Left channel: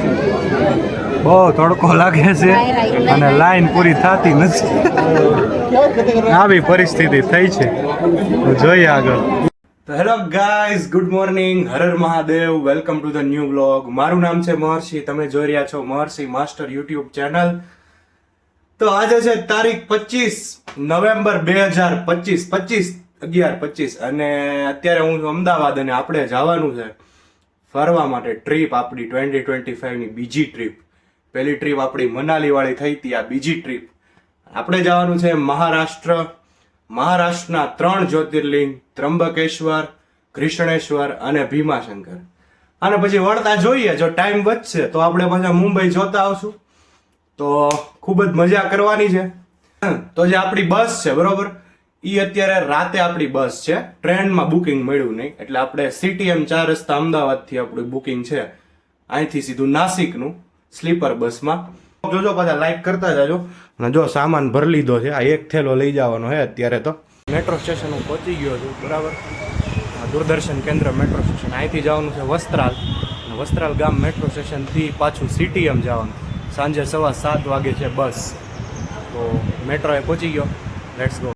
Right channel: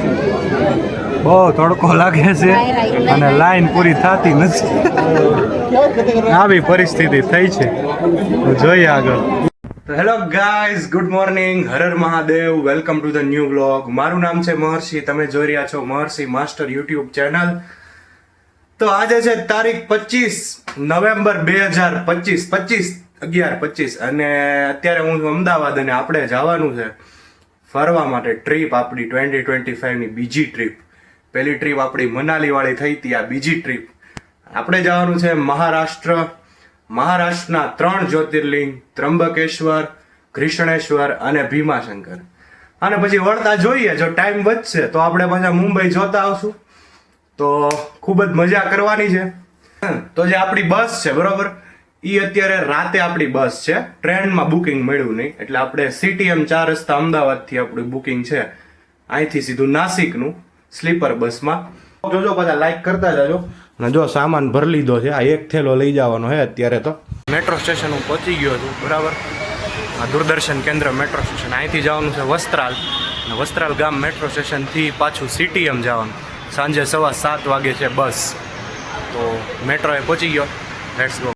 રહ્યા બહુ તડકો લાગે છે અને લાઈન પૂરી થતી નથી. આવી પરિસ્થિતિ થઈ છે. જોઈએ આગળ. તો hello guys, good morning, Har Mahadev, welcome to the new blog મારું નામ છે મહર્ષિ, તમે જોઈ રહ્યા છો મહર્ષિ માસ્ટર યુટ્યુબ ચેનલ. તો આજે છે તારીખ પચીસ નવેમ્બર બે હજાર પચીસ પચીસ, અગિયાર પચીસ. અને અત્યારે હું અમદાવાદ અને આપણે જવાનું છે. ફરવા માટે ટ્રીપ આપણી ટ્વેન્ટી ટ્વેન્ટી ફાઈવની બીજી ટ્રીપ પહેલી ટ્રીપ આપણી મનાલીવાળી થઈ હતી, આ બીજી ટ્રીપ આપણે જવાનું છે મહારાષ્ટ્ર. મહારાષ્ટ્રના ત્રણ જ્યોતિર્લિંગ ત્રંબકેશ્વર કૃષ્ણેશ્વર અને ભીમાશંકર. અને પછી વળતા જોઈએ, જો ટાઈમ બચશે તો આપણે પાછા મુંબઈ જોતા આવશું. તો ખૂબ જ મજા કરવાની છે. તો જે આપણી બસ છે, બરોબર? એ અત્યારે રાતે આપણી બસ છે. ટ્રેનમાં બુકિંગ મળ્યું નહીં. એટલે આપણે સીટીએમ ચાર રસ્તા અમદાવાદથી આપણું બુકિંગ છે. અહીંથી સીધું નાસિકનું સ્લીપર બસમાં. જોજો બધા લાઈક કરતા જાજો. અને જો સામાન ભરી લીધો છે. આ એક થેલો લઈ જવાનો છે અત્યારે તો. મેટ્રો સ્ટેશન હું પહોંચી ગયો છું, બરાબર? આ દૂરદર્શન કેન્દ્ર મેટ્રો સ્ટેશન. અહીંથી જવાનું છે વસ્ત્રાલ. અને વસ્ત્રાલ ગામ મેટ્રો સ્ટેશનથી પાછું સીટીએમ જવાનું. સાંજે સવા સાત વાગે છે બસ. તો મેટ્રોએ પહોંચી ગયો. લેટ્સ ગો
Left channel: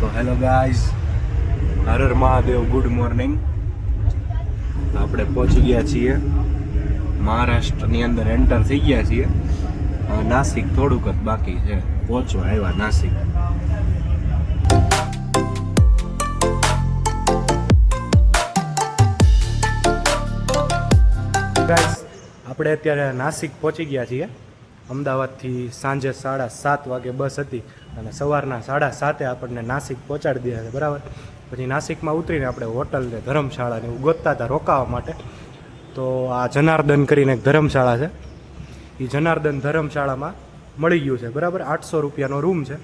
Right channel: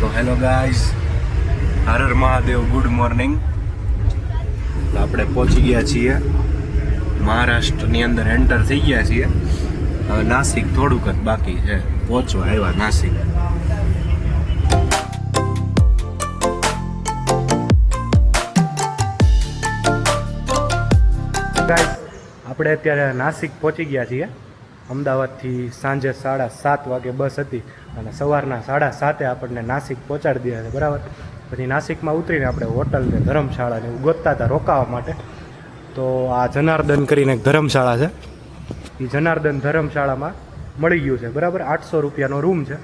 તો hello guys, Har Mahadev, good morning. આપણે પહોંચી ગયા છીએ મહારાષ્ટ્રની અંદર એન્ટર થઈ ગયા છીએ. હવે નાસિક થોડુંક જ બાકી છે. પહોંચવા આવ્યા નાસિક. આપણે અત્યારે નાસિક પહોંચી ગયા છીએ. અમદાવાદથી સાંજે સાડા સાત વાગે બસ હતી. અને સવારના સાડા સાતે આપણને નાસિક પહોંચાડી દીધા છે, બરાબર? પછી નાસિકમાં ઉતરીને આપણે હોટલ ને ધર્મશાળા ને એવું ગોતતા હતા રોકાવા માટે. તો આ જનાર્દન કરીને એક ધર્મશાળા છે. એ જનાર્દન ધર્મશાળામાં મળી ગયું છે, બરાબર? આઠસો રૂપિયાનો રૂમ છે.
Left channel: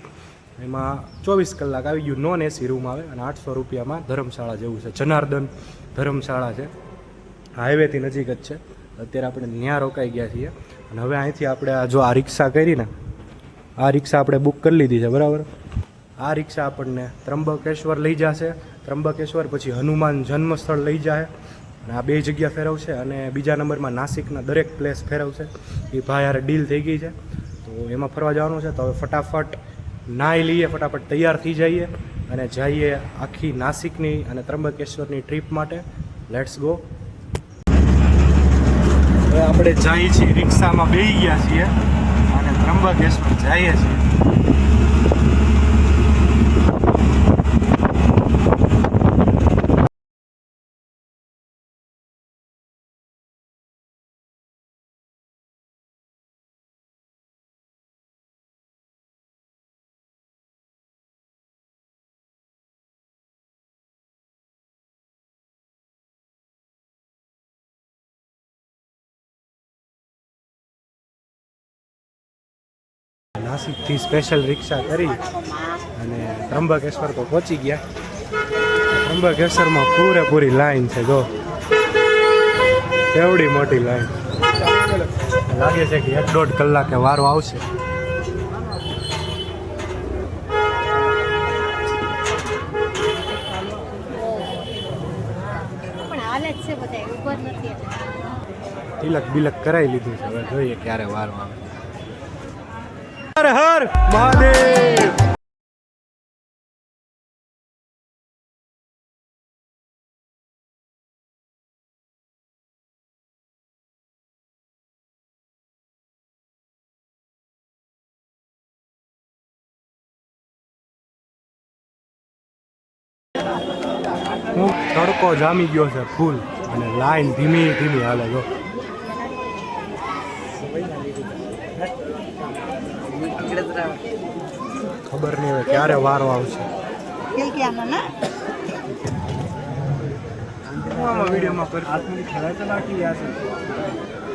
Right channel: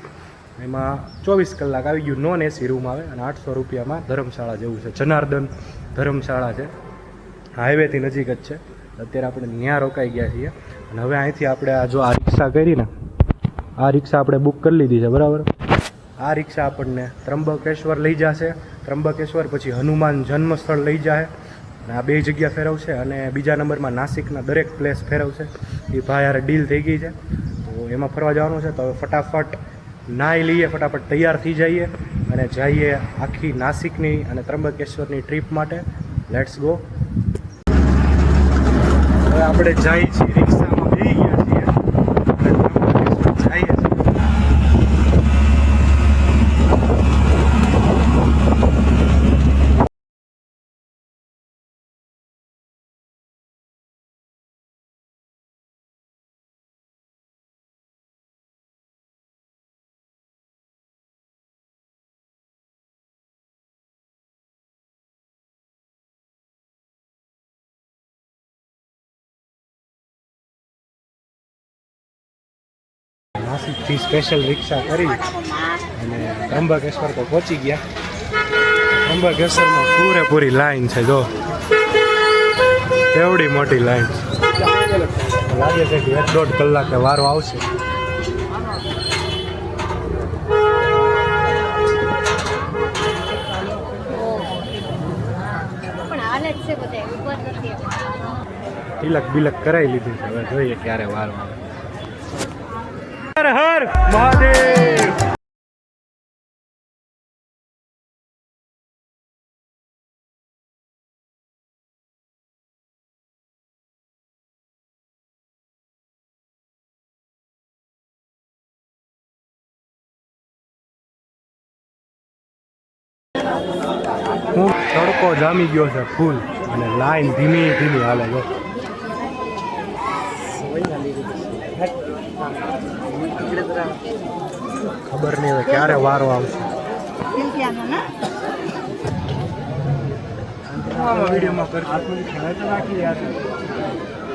એમાં ચોવીસ કલાક આવી ગયું, નોન એસી રૂમ આવે અને આઠસો રૂપિયામાં ધર્મશાળા જેવું છે. જનાર્દન ધર્મશાળા છે. હાઈવેથી નજીક જ છે. અત્યારે આપણે ત્યાં રોકાઈ ગયા છીએ. અને હવે અહીંથી આપણે આ જો આ રિક્ષા કરી ને આ રિક્ષા આપણે બુક કરી લીધી છે, બરાબર? આ રિક્ષા આપણને ત્રંબકેશ્વર લઈ જશે. ત્રંબકેશ્વર પછી હનુમાન જન્મસ્થળ લઈ જાય. અને આ બે જગ્યા ફેરવશે અને બીજા નંબરમાં નાસિકના દરેક પ્લેસ ફેરવશે. એ ભાઈ યાર ડીલ થઈ ગઈ છે. તો એમાં ફરવા જવાનું છે. તો હવે ફટાફટ નાહી લઈએ, ફટાફટ તૈયાર થઈ જઈએ અને જઈએ આખી નાસિકની અને ત્રંબકેશ્વરની ટ્રીપ માટે. લેટ્સ ગો આપણે જઈએ છીએ રિક્ષામાં બેસી ગયા છીએ અને ત્રંબકેશ્વર જઈએ છીએ. નાસિકથી સ્પેશિયલ રિક્ષા કરી અને ત્રંબકેશ્વર તો પહોંચી ગયા. ત્રંબકેશ્વરમાં પૂરેપૂરી લાઈન છે, જો. એવડી મોટી લાઈન લાગે છે કે એક દોઢ કલાકે વારો આવશે. તિલક બિલક કરાવી લીધું છે. હવે જોઈએ ક્યારે વારો આવે. હર હર મહાદેવ હું તડકો જામી ગયો છે ફૂલ અને લાઈન ધીમી ધીમી હાલે જો. ખબર નહીં હવે ક્યારે વારો આવશે.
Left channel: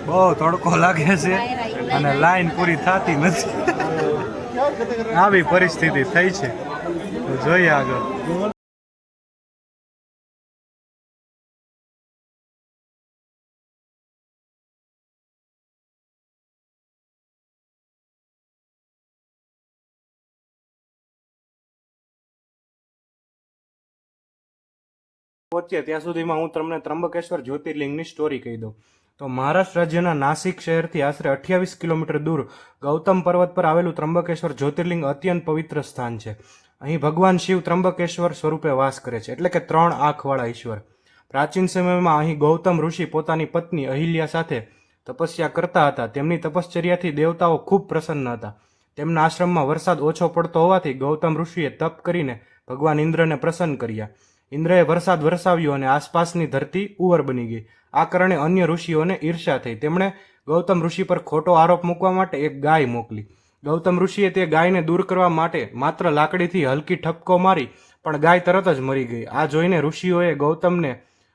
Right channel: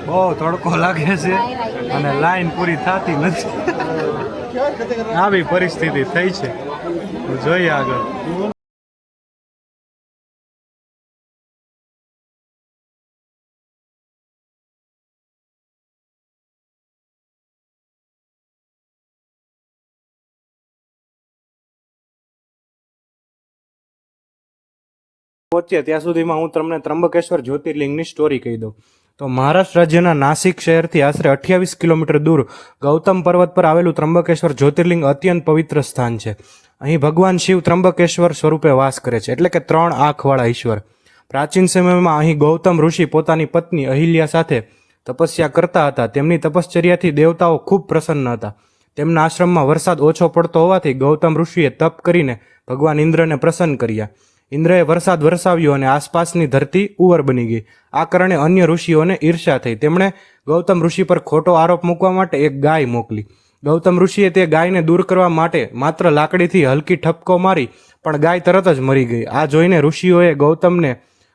બહુ તડકો લાગે છે અને લાઈન પૂરી થતી નથી. આવી પરિસ્થિતિ થઈ છે. જોઈએ આગળ. પહોંચ્યા ત્યાં સુધીમાં હું તમને ત્રંબકેશ્વર જ્યોતિર્લિંગની સ્ટોરી કહી દઉં. તો મહારાષ્ટ્ર રાજ્યના નાસિક શહેરથી આશરે અઠ્યાવીસ કિલોમીટર દૂર ગૌતમ પર્વત પર આવેલું ત્રંબકેશ્વર જ્યોતિર્લિંગ અત્યંત પવિત્ર સ્થાન છે. અહીં ભગવાન શિવ ત્રંબકેશ્વર સ્વરૂપે વાસ કરે છે. એટલે કે ત્રણ આંખવાળા ઈશ્વર. પ્રાચીન સમયમાં અહીં ગૌતમ ઋષિ પોતાની પત્ની અહિલ્યા સાથે તપસ્યા કરતા હતા. તેમની તપશ્ચર્યાથી દેવતાઓ ખૂબ પ્રસન્ન હતા. તેમના આશ્રમમાં વરસાદ ઓછો પડતો હોવાથી ગૌતમ ઋષિએ તપ કરીને ભગવાન ઇન્દ્રને પ્રસન્ન કર્યા. ઇન્દ્રએ વરસાદ વરસાવ્યો અને આસપાસની ધરતી ઉવર બની ગઈ. આ કારણે અન્ય ઋષિઓને ઈર્ષા થઈ. તેમણે ગૌતમ ઋષિ પર ખોટો આરોપ મૂકવા માટે એક ગાય મોકલી. ગૌતમ ઋષિએ તે ગાયને દૂર કરવા માટે માત્ર લાકડીથી હલકી ઠપકો મારી, પણ ગાય તરત જ મરી ગઈ. આ જોઈને ઋષિઓએ ગૌતમને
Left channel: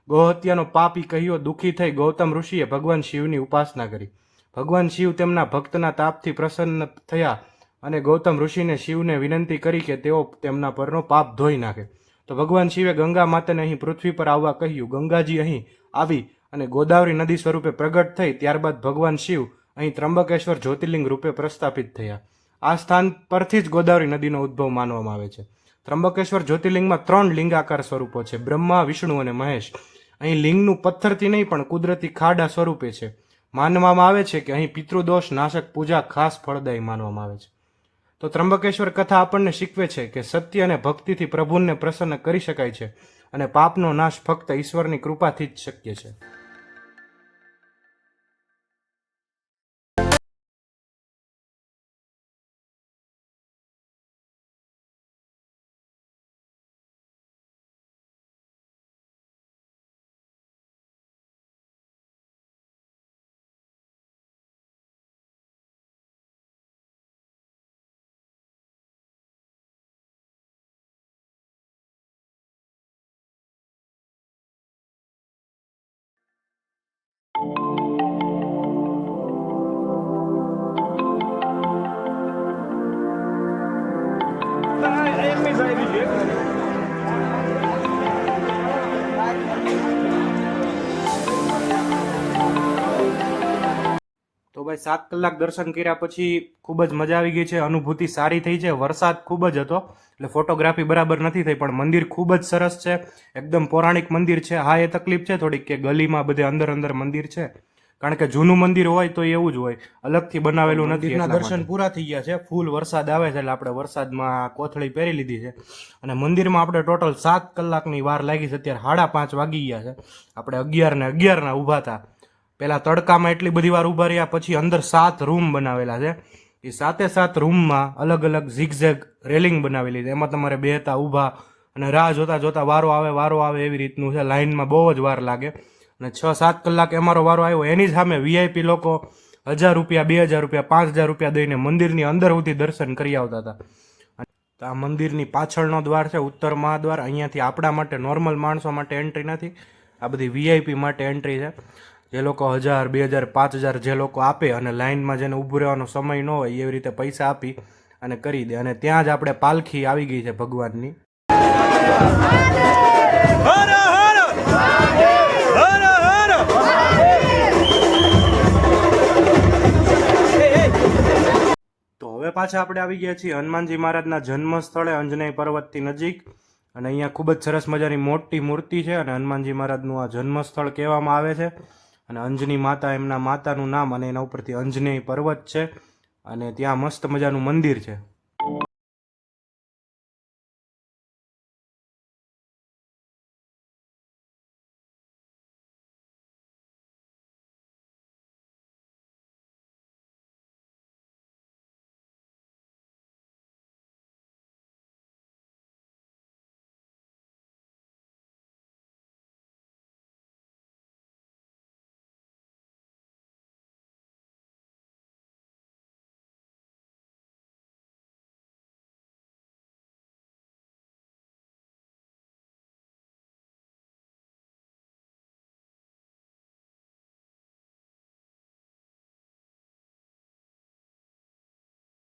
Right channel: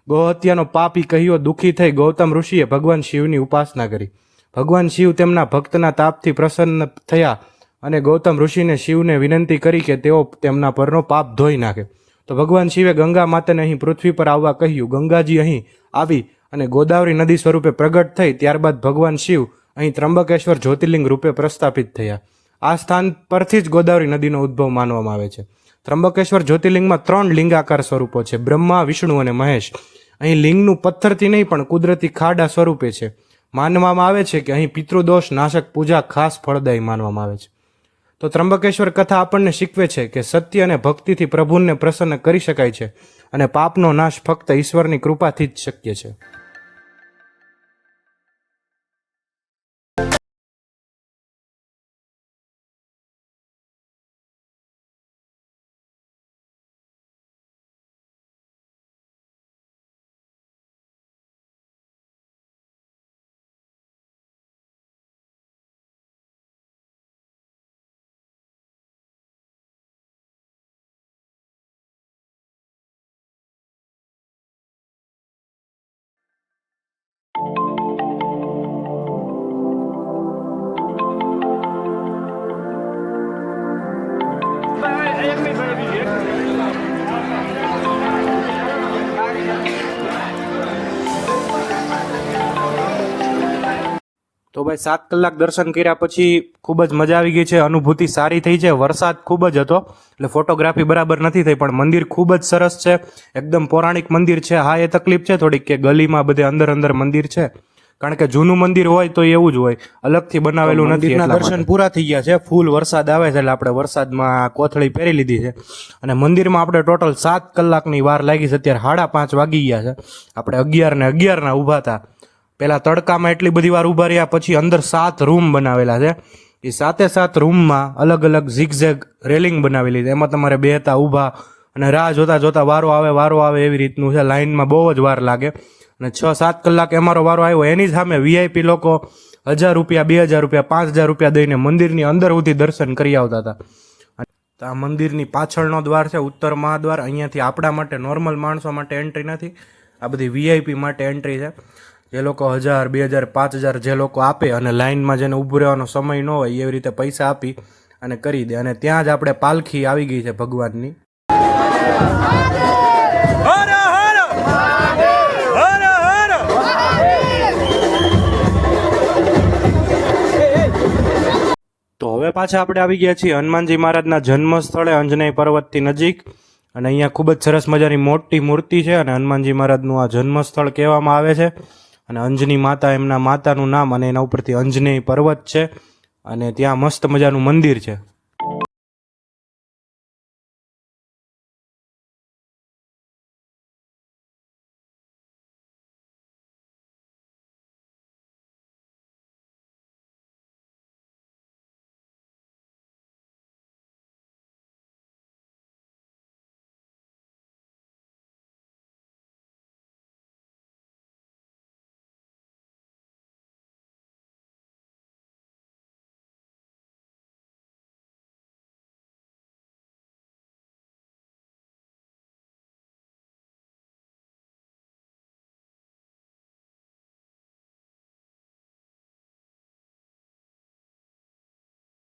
ગૌહત્યાનો પાપી કહ્યો. દુઃખી થઈ ગૌતમ ઋષિએ ભગવાન શિવની ઉપાસના કરી. ભગવાન શિવ તેમના ભક્તના તાપથી પ્રસન્ન થયા અને ગૌતમ ઋષિને શિવને વિનંતી કરી કે તેઓ તેમના પરનો પાપ ધોઈ નાખે. તો ભગવાન શિવે ગંગા માતાને અહીં પૃથ્વી પર આવવા કહ્યું, ગંગાજી અહીં આવી અને ગોદાવરી નદી સ્વરૂપે પ્રગટ થઈ, ત્યારબાદ ભગવાન શિવ અહીં ત્રંબકેશ્વર જ્યોતિર્લિંગ રૂપે પ્રસ્થાપિત થયા. આ સ્થાન પરથી જ ગોદાવરી નદીનો ઉદ્ભવ માનવામાં આવે છે. ત્રંબકેશ્વર જ્યોતિર્લિંગમાં ત્રણ લિંગાકાર સ્વરૂપો છે, બ્રહ્મા, વિષ્ણુ અને મહેશ. અહીં લિંગનું પથ્થરથી નહીં, પણ કુદરતી ખાડા સ્વરૂપે છે. માનવામાં આવે છે કે અહીં પિતૃદોષ, નાશક, પૂજા ખાસ ફળદાયી માનવામાં આવે છે. તો ત્રંબકેશ્વર કથા આપણને શીખવે છે કે સત્ય અને ભક્તિથી પ્રભુને પ્રસન્ન કરી શકાય છે અને પાપનો નાશ ફક્ત ઈશ્વરની કૃપાથી જ શક્ય છે. તો ભાઈ સાત કલાક દર્શન કર્યા પછી ખૂબ જ મજા આવી ગઈ છે. અનુભૂતિ સારી થઈ છે. વરસાદ ખૂબ જ હતો. એટલે ફોટોગ્રાફી બરાબર નથી થઈ પણ મંદિર ખૂબ જ સરસ છે. એકદમ પૌરાણિક મંદિર છે. હા એ તકલીફ છે થોડીક કે ગલીમાં બધે અંદર અંદર મંદિર છે. કારણ કે જૂનું મંદિર હોય તો એવું જ હોય. અલગથી બનાવેલું નથી દર્શન પૂરા થઈ ગયા છે. ફૂલ વરસાદ આવે છે એટલે આપણે વરસાદમાં કોથળી પહેરી લીધી છે. અને મંદિરમાં આપણે ટોટલ સાત કલાકની વાર લાગી છે. અત્યારે સાડા પાંચ વાગી ગયા છે. આપણે અગિયાર ને અગિયારના ઊભા હતા. પહેલા તડકામાં એટલી બધી વાર ઊભા રહ્યા, પછી અંદર સાત રૂમ બનાવેલા છે. એ સાતે સાત રૂમમાં અલગ અલગ ઝીગઝેગ રેલિંગ બનાવેલી છે. એમાં તમારે બેહતા, ઊભા અને રાહ જોતા જોતા વારો આવે વારો આવે એવી રીતનું છે. લાઇનમાં બહુ જ વાર લાગે. અને છ સાત કલાક અમારો વારો આવ્યો. એની સામે વીઆઈપી લોકો હજાર રૂપિયા, બે હજાર રૂપિયા, પાંચ હજાર રૂપિયા દઈને મંદિરની અંદર સુધી દર્શન કરી આવતા હતા. આ મંદિરની પાછળનો દ્વાર છે, ઉત્તર મહાદ્વાર. અહીંયાથી આપણા માટે નોર્મલ માણસો માટે એન્ટ્રી નથી. આ બધી વીઆઈપી માટે એન્ટ્રી છે. જે લોકો હજાર બે હજાર પાંચ હજાર જે લોકો આપે અને લાઇનમાં જેને ઊભું રહેવાનો સમય ન હોય એવી રીતે પૈસા આપી અને કરી દે. અને ત્યાં જ આપણે પાલખી આવી ગઈ છે ભગવાનની. તો હવે પાછા આપણે આવી ગયા છીએ હનુમાનજી મહારાજના જન્મ સ્થળે અંજનેય પર્વતથી નજીક. અને અહીંયા ખૂબ જ સરસ મજાની મોટી મૂર્તિ છે અને હનુમાનજી મહારાજનું આ જન્મ સ્થળ કહેવામાં આવે છે. અને અંજની માતા એમના માતાનું નામ અને એના ઉપરથી અંજનેય પર્વત છે. અને ત્યાં મસ્ત મજાનું મંદિર છે.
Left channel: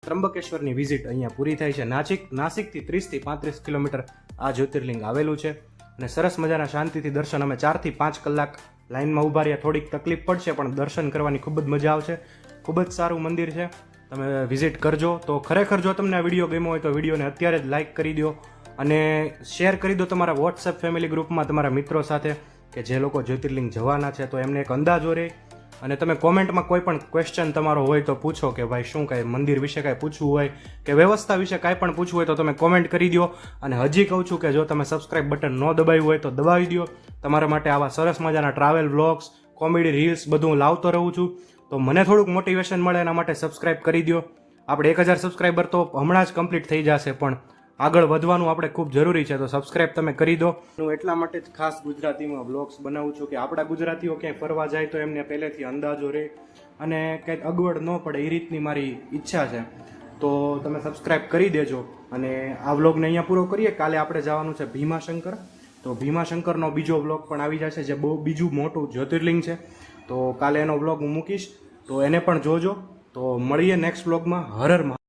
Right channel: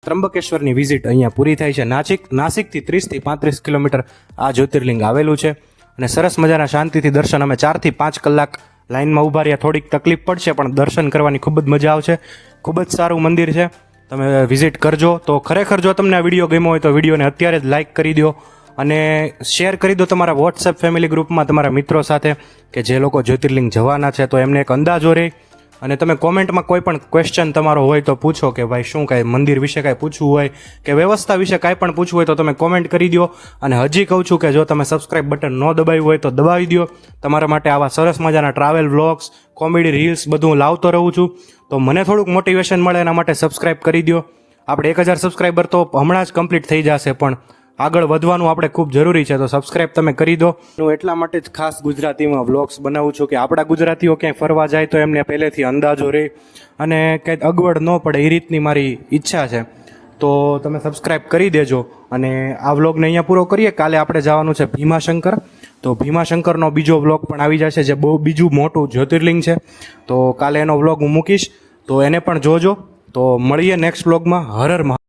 ત્રંબકેશ્વરની વિઝિટ અહીંયા પૂરી થાય છે. નાસિક નાસિકથી ત્રીસથી પાંત્રીસ કિલોમીટર આ જ્યોતિર્લિંગ આવેલું છે અને સરસ મજાના શાંતિથી દર્શન. અમે ચારથી પાંચ કલાક લાઇનમાં ઊભા રહ્યા. થોડીક તકલીફ પડશે, પણ દર્શન કરવાની ખૂબ જ મજા આવશે. ખૂબ જ સારું મંદિર છે. તમે વિઝિટ કરજો. તો ખરેખર જો તમને આ વીડિયો ગમ્યો હોય તો વિડીયોને અત્યારે જ લાઇક કરી દો અને શેર કરી દો તમારા વોટ્સએપ ફેમિલી ગ્રુપમાં તમારા મિત્રો સાથે કે જે લોકો જ્યોતિર્લિંગ જવાના છે. તો એમને એક અંદાજો રહે. અને તમે કોમેન્ટમાં કોઈ પણ ક્વેશ્ચન તમારો હોય તો પૂછો કે ભાઈ શું કાંઈ મંદિર વિશે કાંઈ પૂછવું હોય કે વ્યવસ્થા વિશે કાંઈ પણ પૂછવું હોય તો તમે કોમેન્ટ કરી દો અને હજી કહું છું કે જો તમે સબસ્ક્રાઇબ બટન ન દબાવ્યું હોય તો દબાવી દો તમારા માટે આવા સરસ મજાના ટ્રાવેલ વ્લોગ્સ કોમેડી રીલ્સ બધું લાવતો રહું છું. તો મને થોડુંક મોટિવેશન મળે એના માટે સબસ્ક્રાઇબ કરી દો આપણે એક હજાર સબસ્ક્રાઈબર તો હમણાં જ કમ્પ્લીટ થઈ જશે પણ આગળ વધવાનું આપણે ખૂબ જરૂરી છે, તો સબસ્ક્રાઇબ તમે કરી દો. હું એટલા માટે જ ખાસ ગુજરાતીમાં વ્લોગ્સ બનાવું છું કે આપણા ગુજરાતીઓ ક્યાંય ફરવા જાય તો એમને પહેલેથી અંદાજો રહે અને કંઈક અગવડ ન પડે એ રીતની મારી ઈચ્છા છે. તો તમે સબસ્ક્રાઇબ કરી દેજો અને આ વ્લોગને અહીંયા પૂરો કરીએ. કાલે આપણે જવાનું છે ભીમાશંકર. તો ભીમાશંકરનો બીજો વ્લોગ પણ આવી જશે જે બહુ બીજું મોટું જ્યોતિર્લિંગ છે. તો કાલે એનો વ્લોગ હું મૂકીશ. તો એને પણ જોજો. તો મળીએ નેક્સ્ટ વ્લોગમાં હર હર મહા